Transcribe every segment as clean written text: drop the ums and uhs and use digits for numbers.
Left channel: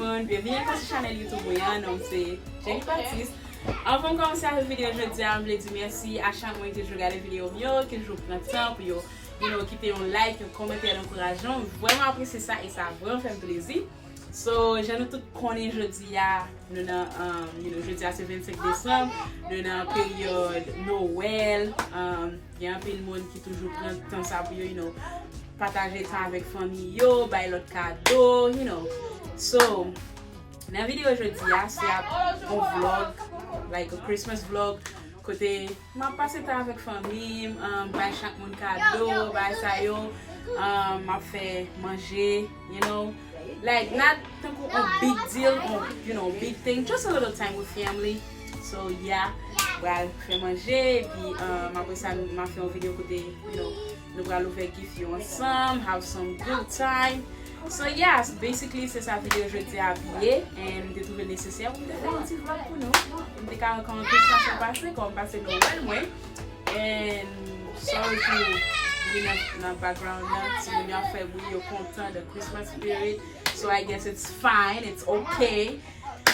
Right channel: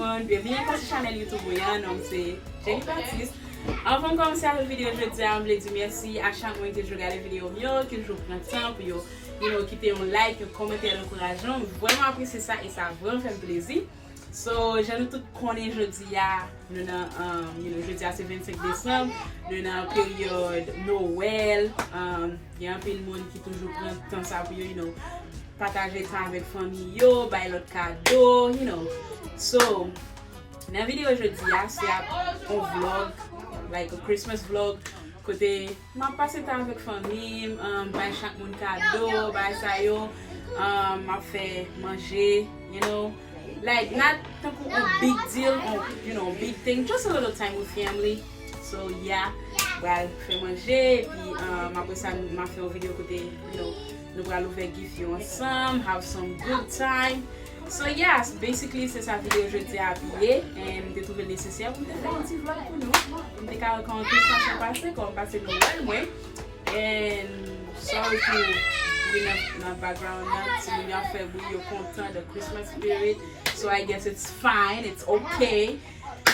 monde, bienvenue sur la chaîne YouTube, nom c'est Jenny Baptiste. Avant de commencer la vidéo aujourd'hui, je voulais dire merci à chaque monde qui regarde la vidéo, qui toujours prend le temps pour quitter un like, un commentaire encourageant. Vraiment apprécié ça et ça a vraiment fait plaisir. So, je nous tout connais aujourd'hui, jeudi c'est 25 décembre, nous sommes en période Noël. Il y a un peu de monde qui toujours prend le temps ça pour partager temps avec la famille, buy l'autre cadeau, So, dans la vidéo aujourd'hui, c'est un vlog, like a Christmas vlog. Côté, je passe le temps avec la famille, buy chaque monde cadeau, buy ça je fais manger, like not a big deal or big thing, just a little time with family. So yeah, well, faire manger et puis après ça m'a fait une vidéo côté nous allons ouvrir gift ensemble, have some good time. So yes, basically c'est ça vidéo jeudi habillé et je trouvé nécessaire pour faire un petit vlog pour nous. On était quand Christmas passé, quand on passait Noël moi. And sorry to in the background now, so when you feel you're content the Christmas spirit. So I guess it's fine, it's okay.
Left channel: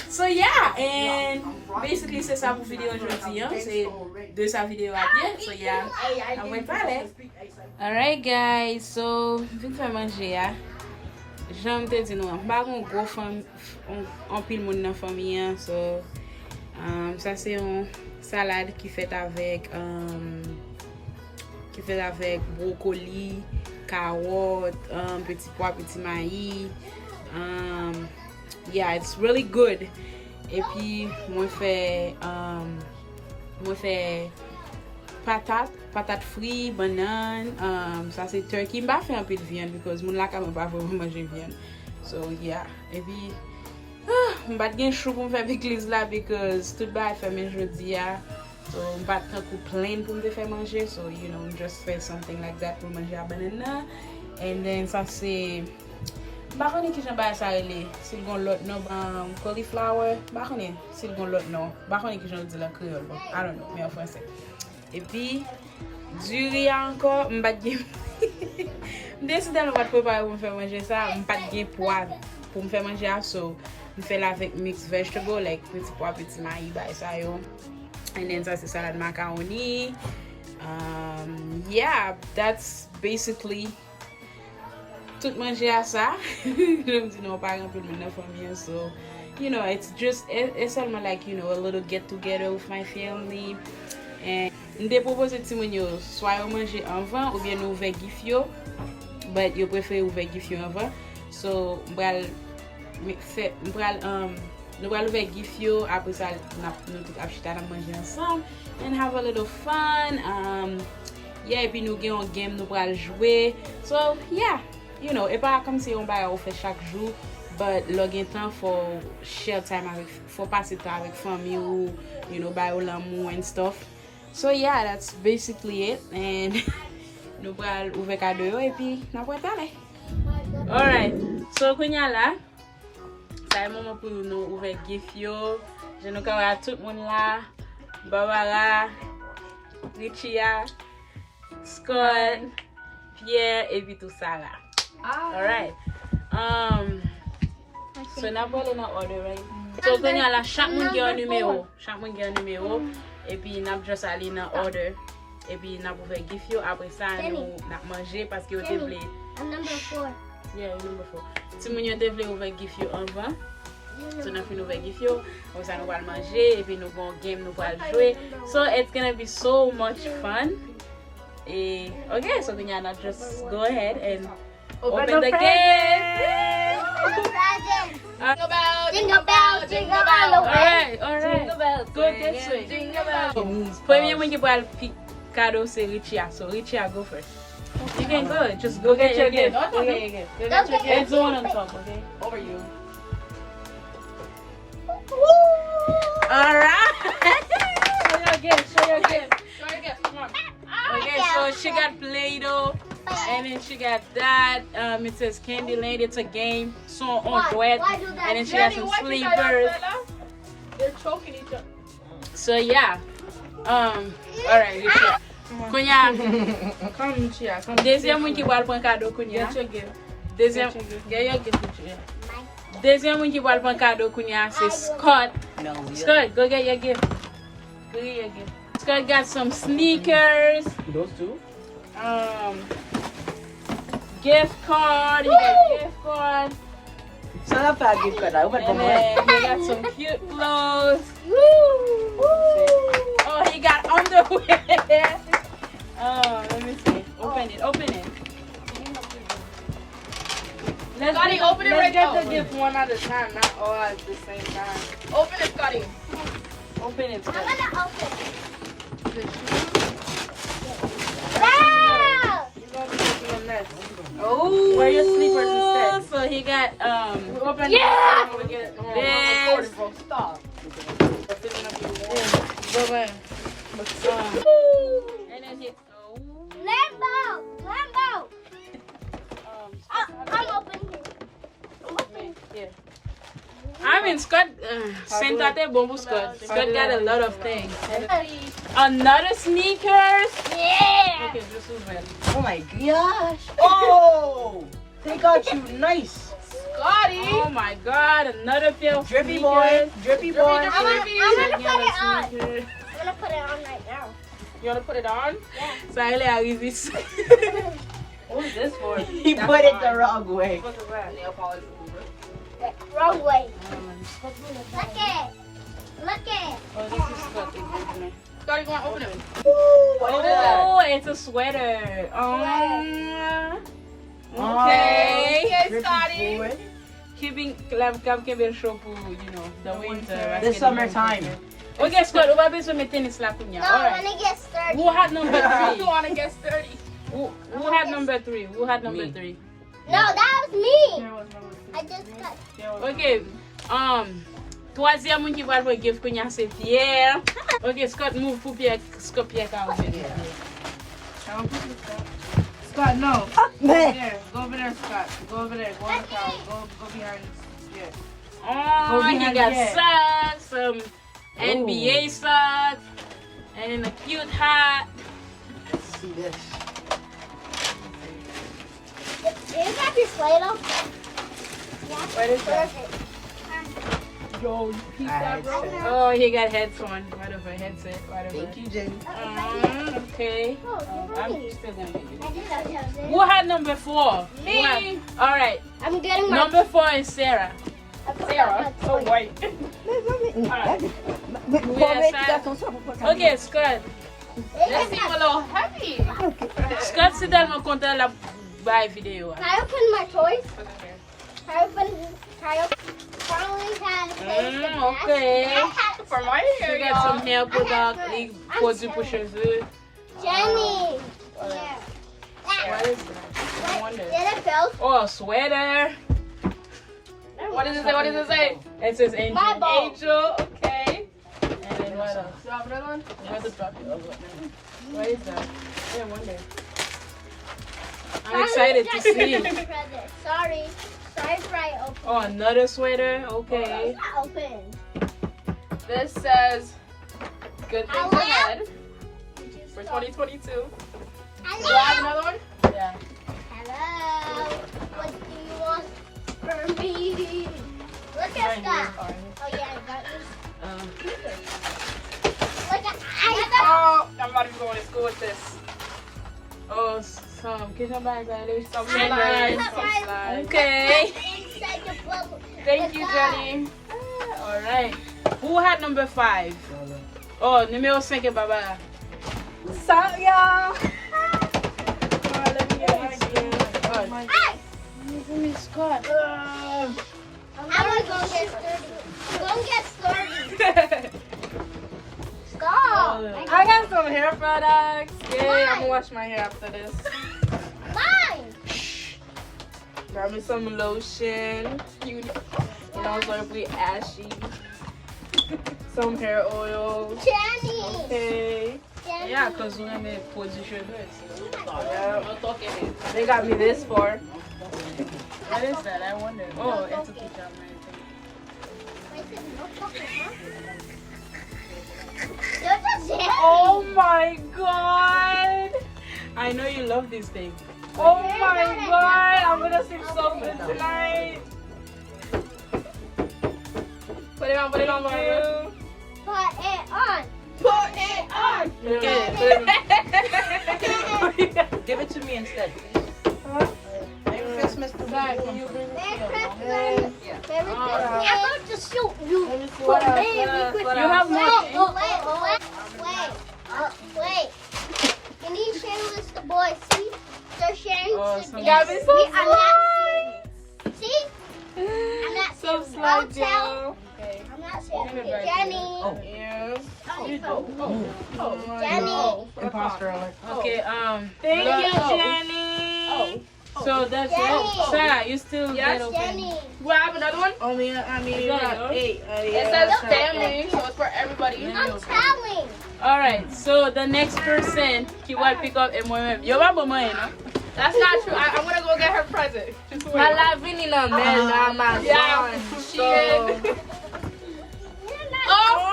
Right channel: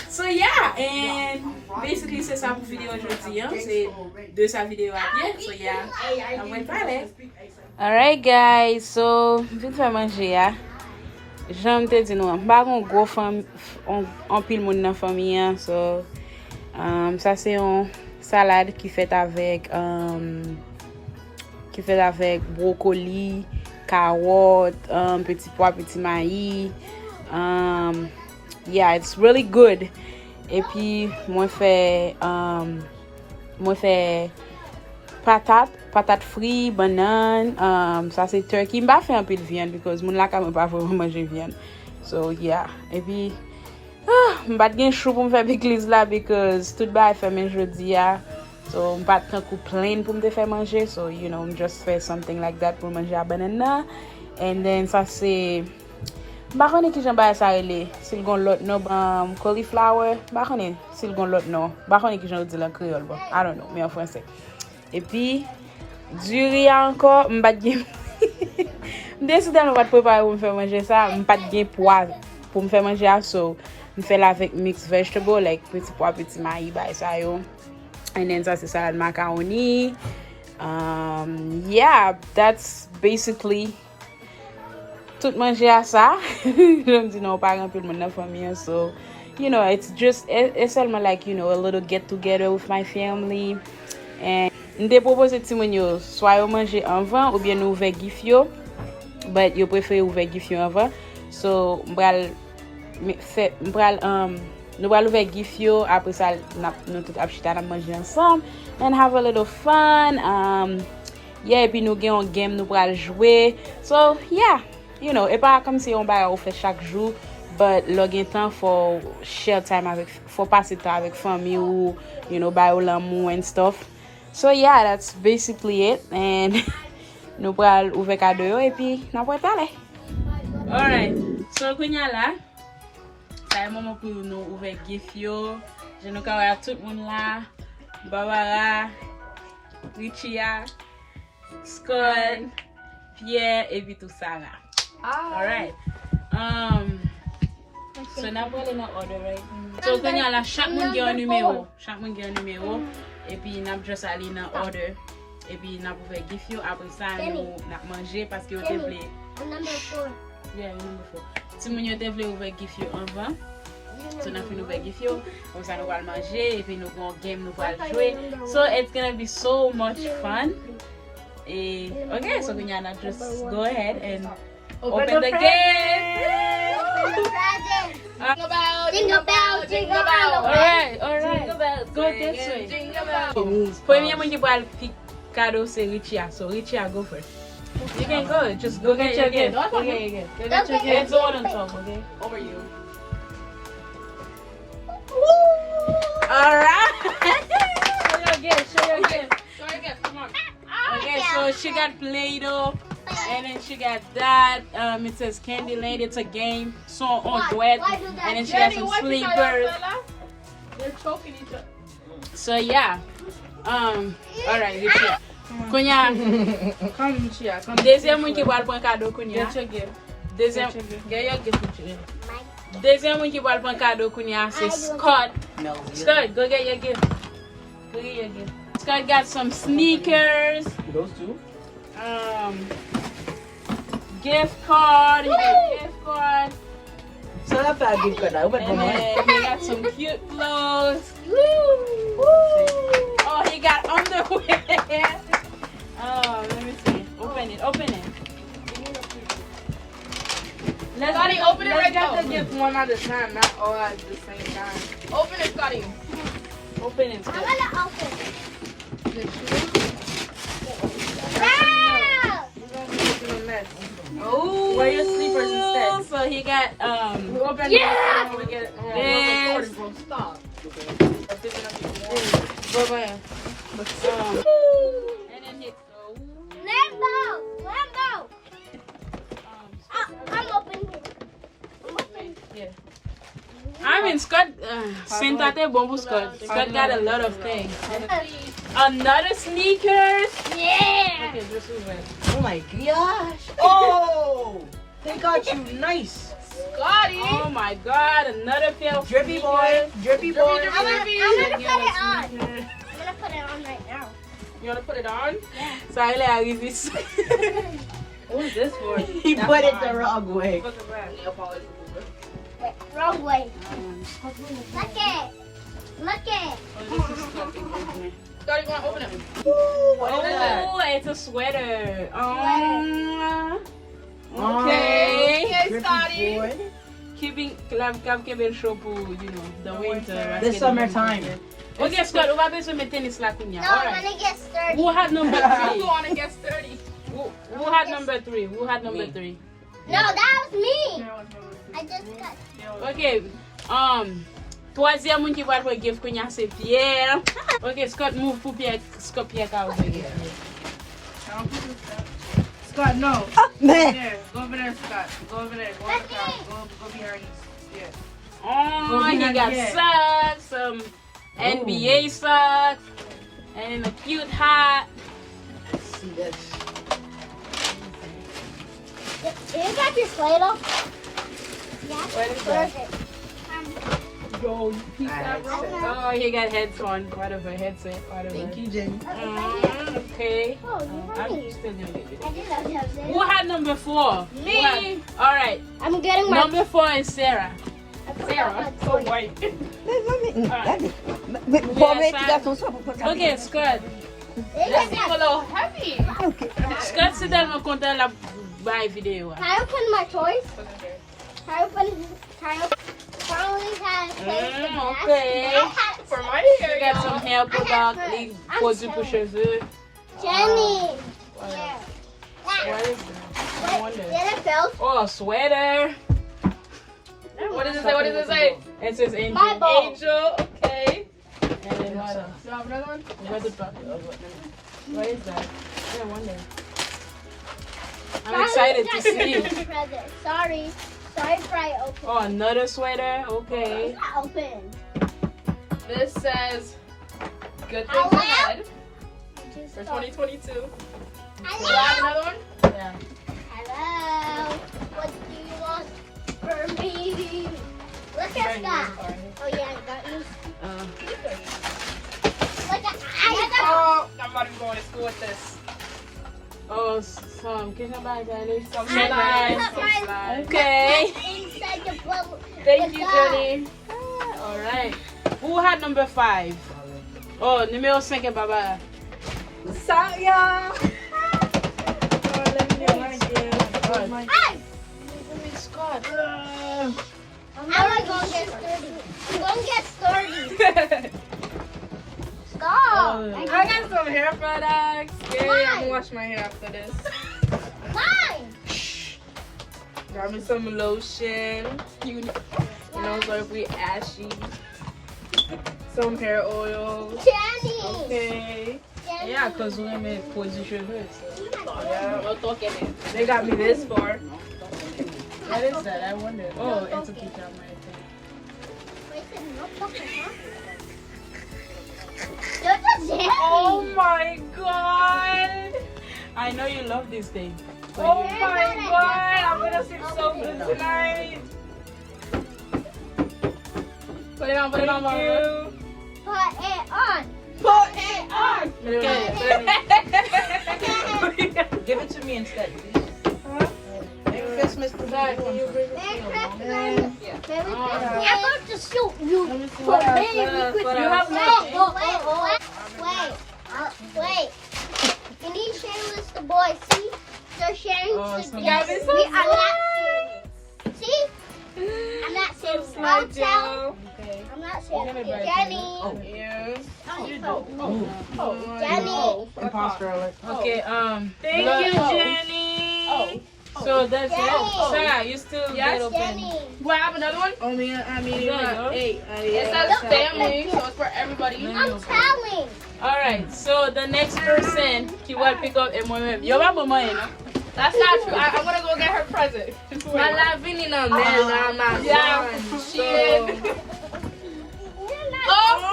So yeah, and basically c'est ça pour vidéo aujourd'hui, c'est de sa vidéo à bien. So yeah, on va parler. Alright guys, so vite faire manger. J'aime te dire non, pas un gros femme, on pile monde dans famille. So ça c'est une salade qui fait avec brocoli, carottes, petit pois, petit maïs. Yeah, it's really good. Et puis moi fait patate frites, banane, ça c'est turkey. M'pa fait un peu de viande because moun la ka même pas vraiment manger viande. So yeah. Et puis m'pa gen chou pour me faire l'église là because tout ba fait men jeudi ya. So m'pa tan kou plain pour me faire manger. So just fait something like that pour manger à banana. And then ça c'est ba connait ki jan ba ça relé. S'il gon l'autre non cauliflower, ba connait s'il gon l'autre non. Ba connait ki jan dit la créole bon. I don't know, mais en français. Et puis du riz encore, m'pas de décidé de préparer pour me faire manger ça, m'pas de poivre pour me faire manger so me fait là avec mixed vegetable like petit pois, petit maïs ba ça yo. And then ça c'est salade macaroni. Yeah, that's basically tout manger à ça. Je me dis non pas grand peu de monde dans famille so it's seulement like a little get together with my family. And je propose que vous soit manger avant ou bien nous ouvrir gift yo, but je préfère ouvrir gift yo avant. So nous allons ouvrir gift yo après ça nous tout achiter à manger ensemble and have a little fun. Yeah, et puis nous gagnons un game nous allons jouer. So yeah, et pas comme si on va faire chaque jour, but le gain temps for share time avec, for passer temps avec famille ou buy l'amour and stuff. So yeah, that's basically it. And nous allons ouvrir cadeau et puis nous allons parler. Alright, so kounya là, c'est le moment pour nous ouvrir gift yo. Je nous connais tout le monde là, Barbara, Richia, Scott, Pierre et puis tout ça là. Alright. So nous allons dans order, right? So kounya là, chaque monde a un numéro. Et puis nous juste aller dans order et puis nous pouvons gift yo après ça nous manger parce que vous devez number 4. Yeah, number 4. Si vous devez ouvrir gift yo avant, so nous finir ouvrir gift yo, comme ça nous allons manger et puis nous allons game, nous allons jouer. So it's gonna be so much fun. Et okay, so we gonna just go ahead and open the gift. Jingle bell, jingle bell. Alright. Jingle bell, Go this way. Jingle bell. Premier one you buy pick kado say Richia. So Richia, go first. You can go. Just go get your gift. Go get your gift. It's the one on top, okay? Over you. Alright. Show your gift. Come on. Okay, so she got Play-Doh. And then she got that. It says Candyland. It's a game. So on duet. And then she has some sleepers. They're choking each other. So yeah. Alright, Richia. Konya. Come Richia. Deuxième one qui va le point cadeau Konya. Get your gift. Deuxième. Get your gift. Deuxième one qui va prendre cadeau Kounia, c'est Scott. Scott, go get your gift. Go get your gift. Scott got some sneakers. Those two? Gift card. He got gift card. So not bad gift card. I hope I don't And mind. he got some cute clothes. Oh, he got underwear. Let me see. Open it. Open it. Scotty, open it right Get now. the gift one at a time, not all at the same time. Open it, Scotty. Open it, I'm Scott. gonna open. The shoes. Wow! Oh, Where are your sneakers instead? so he got Open Yeah! it. this. Stop. And then he Lambo! Lambo! I'm opening it. I'm opening it. yeah. I mean, Scott, Sentate Bombu Scott. Scott got a lot of things. Another sneakers. Yeah! Okay, this is it. Oh my gosh. Oh! They got you nice. Scotty. Oh my God, another pair of Drippy sneakers. boy. Drippy boy. I'm gonna put it on. Again, a sneaker. I'm gonna put it on right now. You want to put it on? So I like this. What is this for? He put it the wrong way. Nail polish remover. Wrong way. Um, Look it. Look it. oh, this is Scott. He gave me. Scotty, you want to open it? What is that? Oh, it's a sweater. Okay, Drippy Scotty. boy. Keeping keeping show for the winter. The summertime. Okay, Scott, on va besoin de mettre tennis là Kounia. No, All I'm right. gonna get sturdy. Who had number You 3? want to get sturdy. Who had number 3? Who had number Me. 3? No, that was me. I just got. Okay. Troisième monde qui va le gift Kounia c'est Pierre. Okay, Scott move pour Pierre. Scott Pierre ka ouvrir. Scott, no. Meh. There, go over there, Scott. Go over there. Go behind us. Yeah. Go Oh, he behind got here. socks, some NBA socks, and a cute hat. See this. Do you got your sweater? What is that? Yo, you Alright, bro. so- Oh, he got headphones, whatever, headset, whatever. Thank you, Jenny. Okay. Oh, I'm nice. still gonna get it. I didn't know. Who had number 4? Me. All right. I'm getting my. Number 4 is Sarah. Sarah, so white. Okay, Scott. This seems a little heavy. Scott, c'est tellement content la buy vidéo. Can I open my toys? Can I open? Charlie has. Okay. For my hair, He got y'all. some hair product, les produits pour cheveux. Jenny. What is that? I wonder. Jennifer. Oh, a sweater. What does it say? What does it say? It says Angel. Bible. Angel, okay. And then what else? You have another one? What the fuck? What is that? I wonder. I'm excited to see. Sorry. Sorry for I opened. Oh, another sweater. Okay. I opened. This says good things ahead for 2022. Do I have another one? Yeah. Hello. What do you want for me? Look at that. Oh yeah, I got you. Look at that. Oh, I'm about to be going to school with this. Oh, some. Can somebody buy this? Some slides. Some slides. Okay. Inside the bubble. Thank you, Jenny. All right. Who had number 5? Oh, numéro 5 est Baba. Saya. Hey! Scott. I'm gonna go get sturdy. Don't get sturdy. Stop. I got some hair products. Yeah, I'm gonna wash my hair after this. Mine. Got me some lotion. You know, it's gonna be ashy. Some hair oil. Jenny. Okay. Jenny. Yeah, because we make produits cheveux. Yeah. They got me this for. What is that? I wonder. Oh, it's a picture. Oh my god! I know you love this thing. Oh my god! I'm gonna sleep so good tonight. Put it on, put it on, Put it on. Put it on. Give it to me instead, please. Maybe fix Mr. Dad, can you bring it I'm going to shoot you. What else? You have more. Wait. You need to share with the boys. See? They're sharing with the Gabby, so I'm not serious. See? I'm not So serious. smart, I'll Joe. tell. I'm not serious. Jenny. Yes. You do. Jenny. Imposter alert. Okay, thank you, Jenny. So that's it. Sarah, you still get open. Jenny. Do I have another one? I mean, hey. It says family, so it's for everybody. I'm telling. Alright, so the next person, he will pick up a mwen. Yo ba bon mwen, no? That's not true. I'm gonna go get her present. My loving in a man, Yeah, she is. Oh!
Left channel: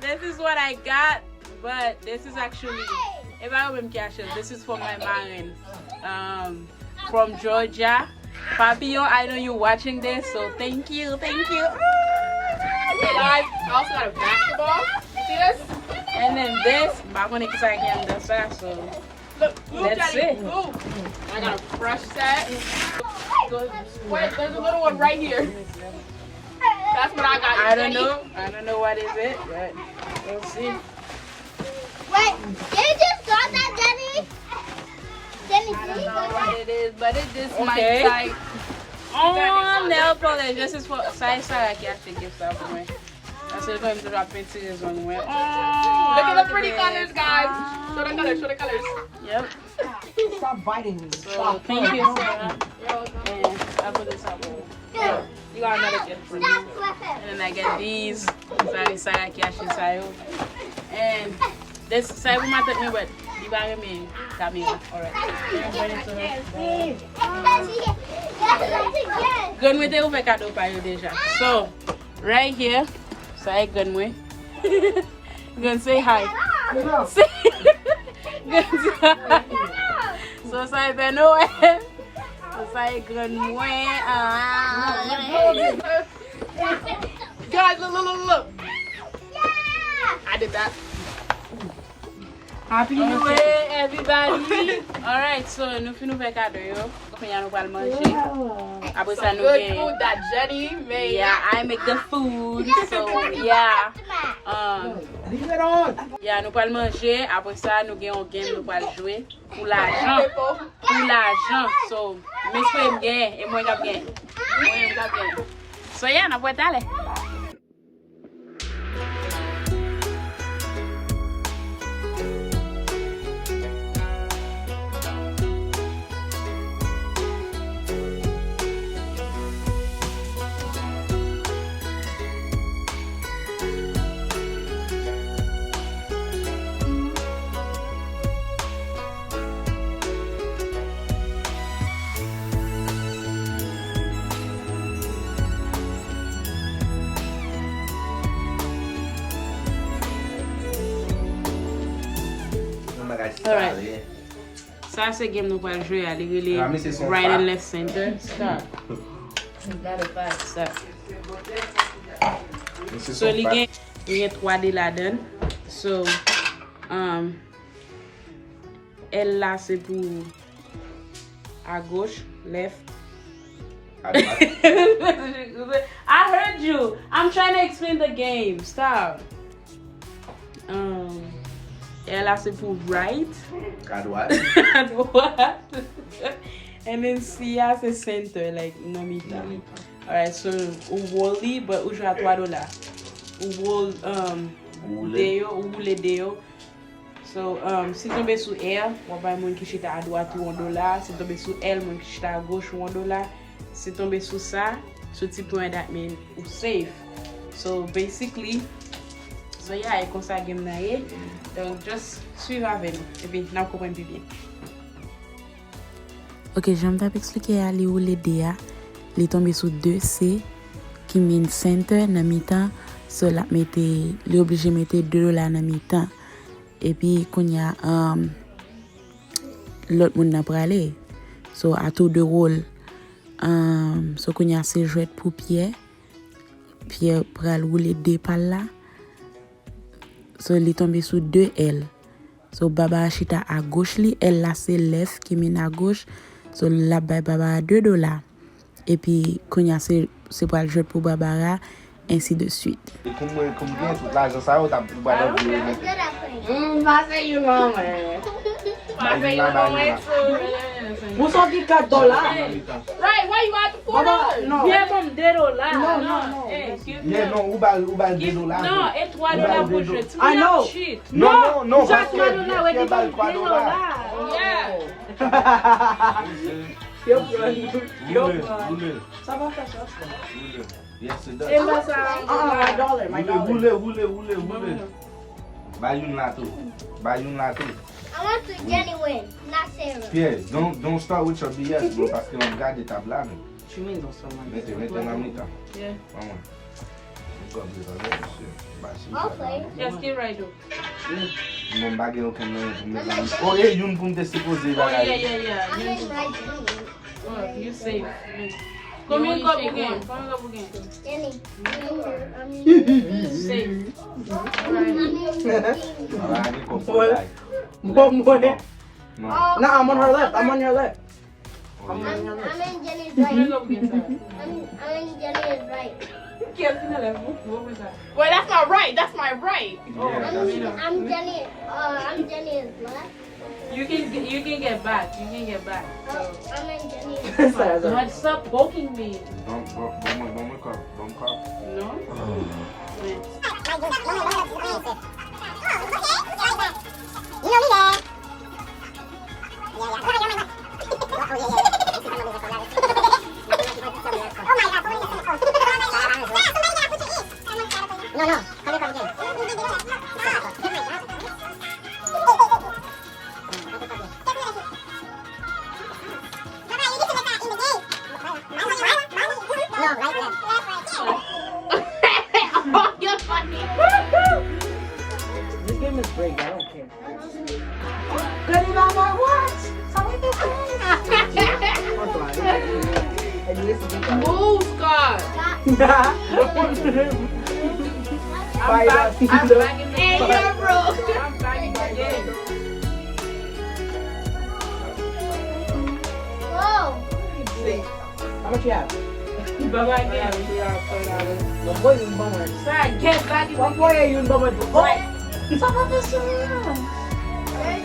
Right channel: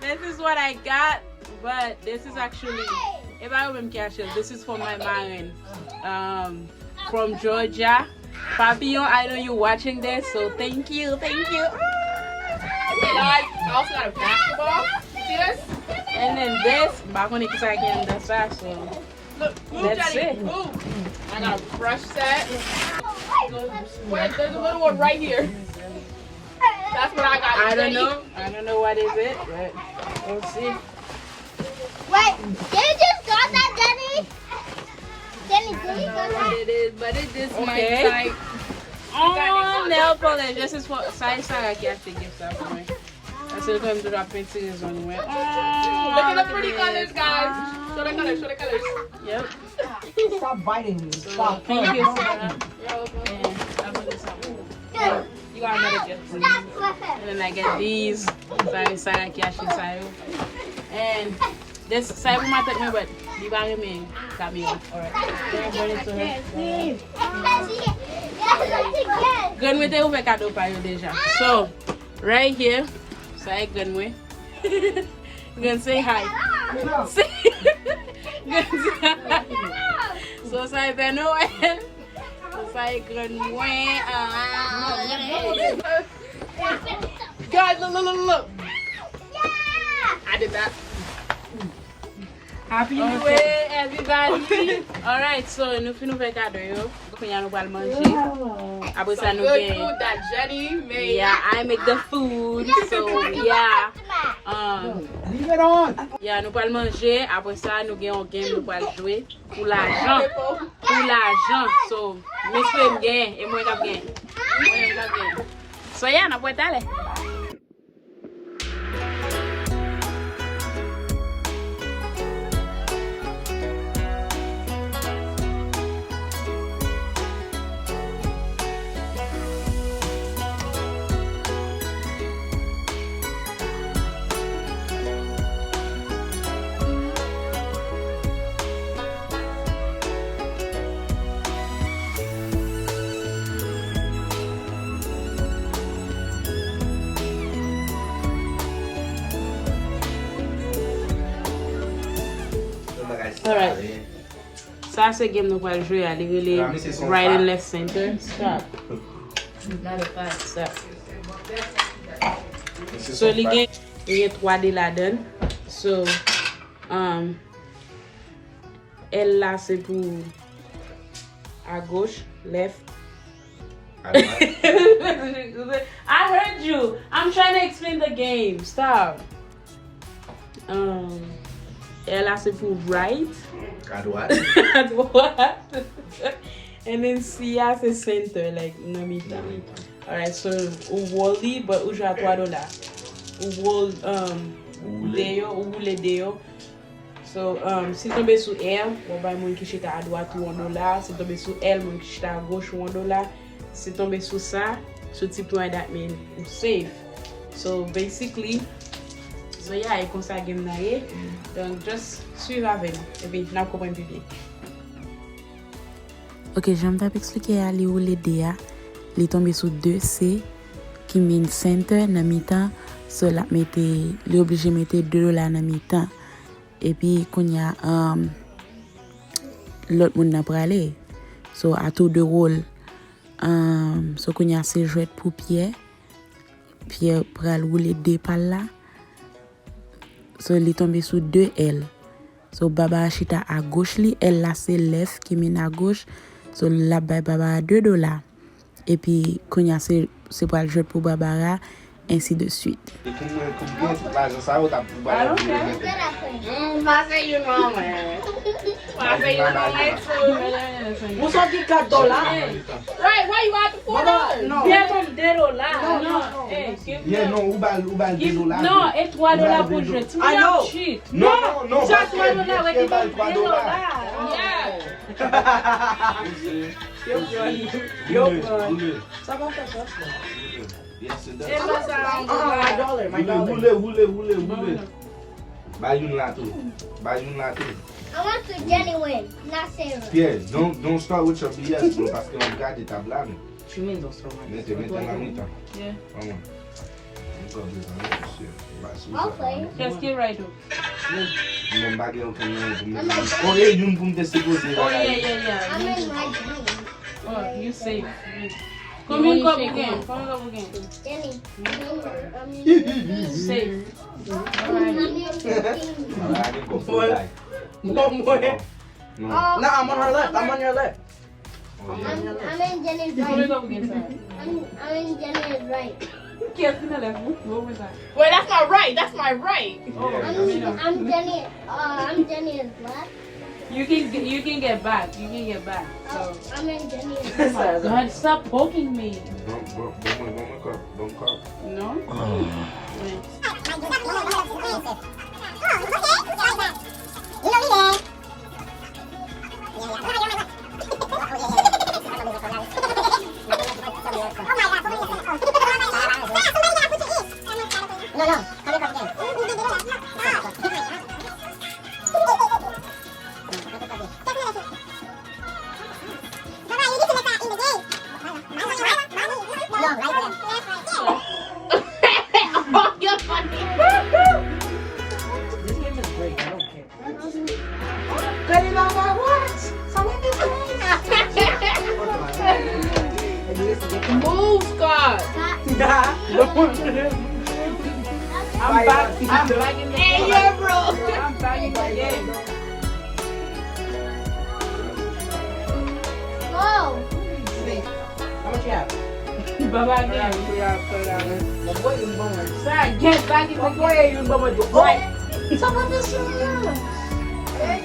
This is what I got, but this is actually, if I remember carefully, this is for my man from Georgia. Papillon, I know you're watching this, so thank you. And I also got a basketball. See this? And then this, back when it's like in the side, so Look, that's Jenny. it. Ooh. I got a brush set. Wait, there's a little one right here. That's what I got. I don't Jenny. know what is it, but we'll see. Wait, you just got that, Jenny? Jenny, I don't know what it is, but it is my Okay. type. Oh, nail polish. This is for Sarah qui a fait gift ça pour moi. Parce que comme tu dois pincer on moi. Look at the pretty colors, guys. Show the colors, show the colors. Yep. Stop biting me. So thank you, Sarah. And I put this on. You got another gift for me. And then I get these. Sarah qui a fait ça. And this side will matter me, but the bag me camera. Alright. Bring it to her. Gun with the over kado pa yo deja. So right here, so I gun with. Gun say hi. Say gun say hi. So say Noel. So say gun with. Guys, look. I did that. Happy New Year, everybody. Alright, so nous finissons faire kado yo. Nous allons manger. Après ça nous Good get. food that Jenny made. Yeah, I make the food. So yeah. Leave it on. Yeah, nous allons manger. Après ça, nous avons un game, nous allons jouer pour l'argent. Pour l'argent. So, mes frères gagnent et moi je gagne. So yeah, nous allons aller. Alright. Ça c'est game nous allons jouer à really right and left center. Stop. Stop. So les games, il y a 3D là-dedans. So elle là c'est pour à gauche, left. I heard you. I'm trying to explain the game. Stop. Elle là c'est pour right. À droite. À droite. And then Sia c'est center, like namita. Alright, so ou wally, but ou joue à $3. Ou wall deo, ou le deo. So si tombe sous R, on va moun qui chita à droite $1. Si tombe sous L, moun qui chita à gauche $1. Si tombe sous ça, sous petit point that mean ou safe. So basically, so yeah, e kon sa game na ye. Donc just suivre avec nous. Et puis n'a comprendre plus bien. Ok, j'aime t'ap expliquer à li ou le dea. Li tombe sous 2C qui mean center nan mi-temps. So la mette, li obligé mette $2 nan mi-temps. Et puis qu'on y a l'autre moun n'a pralé. So à tout de rôle. So qu'on y a se jouet pour pied. Puis pral rouler 2 pal là. So li tombe sous 2 L. So baba chita à gauche li, L là c'est left qui mène à gauche. So la bay baba $2. Et puis konya c'est pour le jeu pour baba ainsi de suite. I don't care. Pase, you know, man. Pase, you know, man, too. Vous sentez $4? Right, why you got the $4? No. Viens comme $2. No. Hey, excuse me. Yeah, non, ou bal $2. Non, et $3 pour jouer. Tu I know. cheat. Non, Just $3 when you bal $2. Yeah. Ça va faire ça? Yes, it It does. was My dollar. Roule. Buy une là tout. I want to genuine, not Sarah. Pierre, don't start with your BS, bro, parce que on regarde des tables là. Tu mets dans ce Mettez la mi-temps. Yeah. Vamos. Hopefully. Just keep right up. Mon bagay ou kemen. Oh, hey, yon pou mte supposé Oh, la. yeah. I'm in my room. Oh, you safe. Come Come in, up shake again. one. Come up again. Jenny. Safe. Mwen. No. No, I'm on her left. I'm on your left. I'm in Jenny's Come right. up again, sir. I'm in Jenny's right. Careful, na left. What was that? Wait, that's my right. That's my right. I'm Jenny's left. You can get back. I'm in Jenny's right. God, stop poking me. Bon cup. No? Oh, you're funny. This game is great. I don't care. Cutting off our words. Move, Scott. I'm back in the Hey, you're bro. I'm back in the game. Whoa. How much you have? Baba again. Boy, you born. Sir, get back in the game. Boy, you born. Right. Where's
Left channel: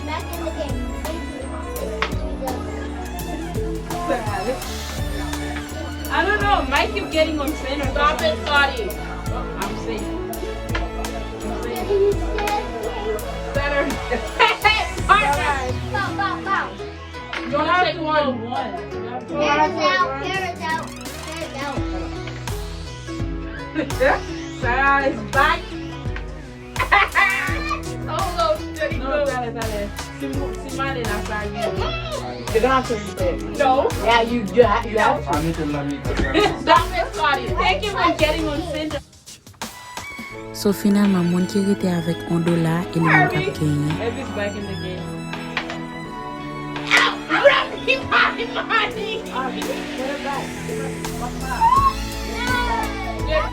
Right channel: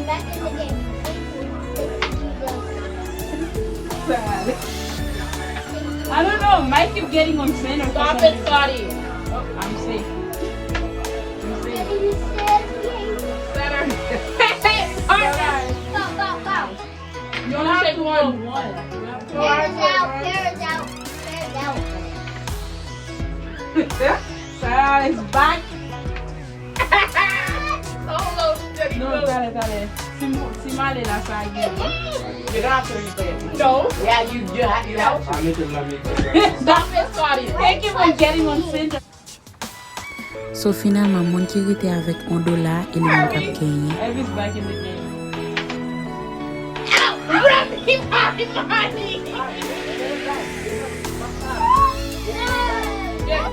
back in the game? I don't know. Mike keep getting on center. Stop it, Scotty. I'm safe. Center. Partner. Bow. You want to take one? Parents out. Sarah is back. Oh, steady No, move. dale. Si male na sa You don't have to replay it. No. Yeah, you have. I'm making my makeup. Stop it, Scotty. Thank you for getting on center. So finalement, moun ki rete avec $1 et li moun kap genye. Elvis back in the game. Ow! Remy, my money. Yeah.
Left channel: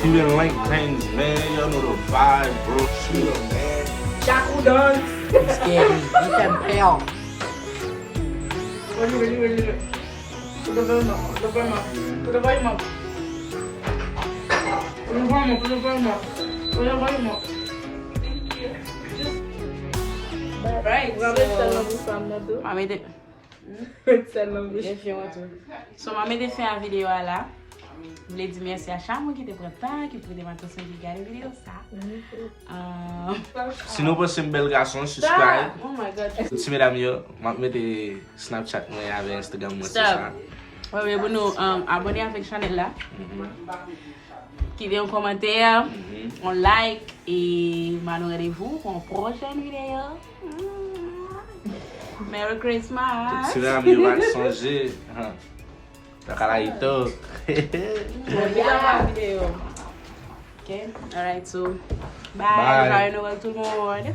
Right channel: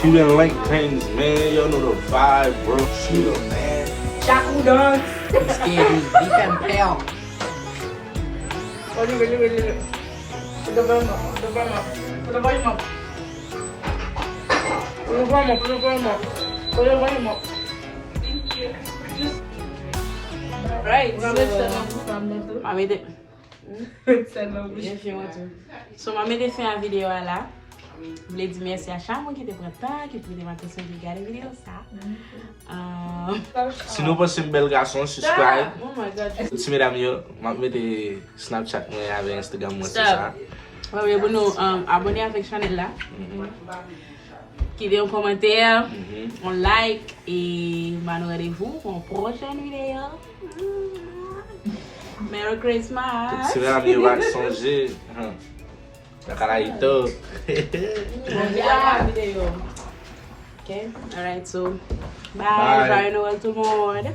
See them link things, man. Y'all know the vibe, bro. See them, man. Shaku dance. Scared me. Beat them hell. Oh, really. Put the volume up. Put the volume up. Put the volume up. Put the volume up. Put the volume up. Put the volume up. Right, so mami de So mami de fè an video la. Vle di mersi a chan moun ki te pren tan, ki prene m'atensyon ki gade video sa. Si nou pas un bel garçon, subscribe. Oh my god. Si mesdames yo, map mette Snapchat mwen ave Instagram mwen se sa. Ouais, bon nou abonne avèk chanel la. Ki de yon kommentaire, on like, et manou rendez-vous pour une prochaine vidéo. Merry Christmas! Si mesdames yo va sonje, Nakarayito. Video. Okay? Alright, so bye. Joyeux Noël tout le monde.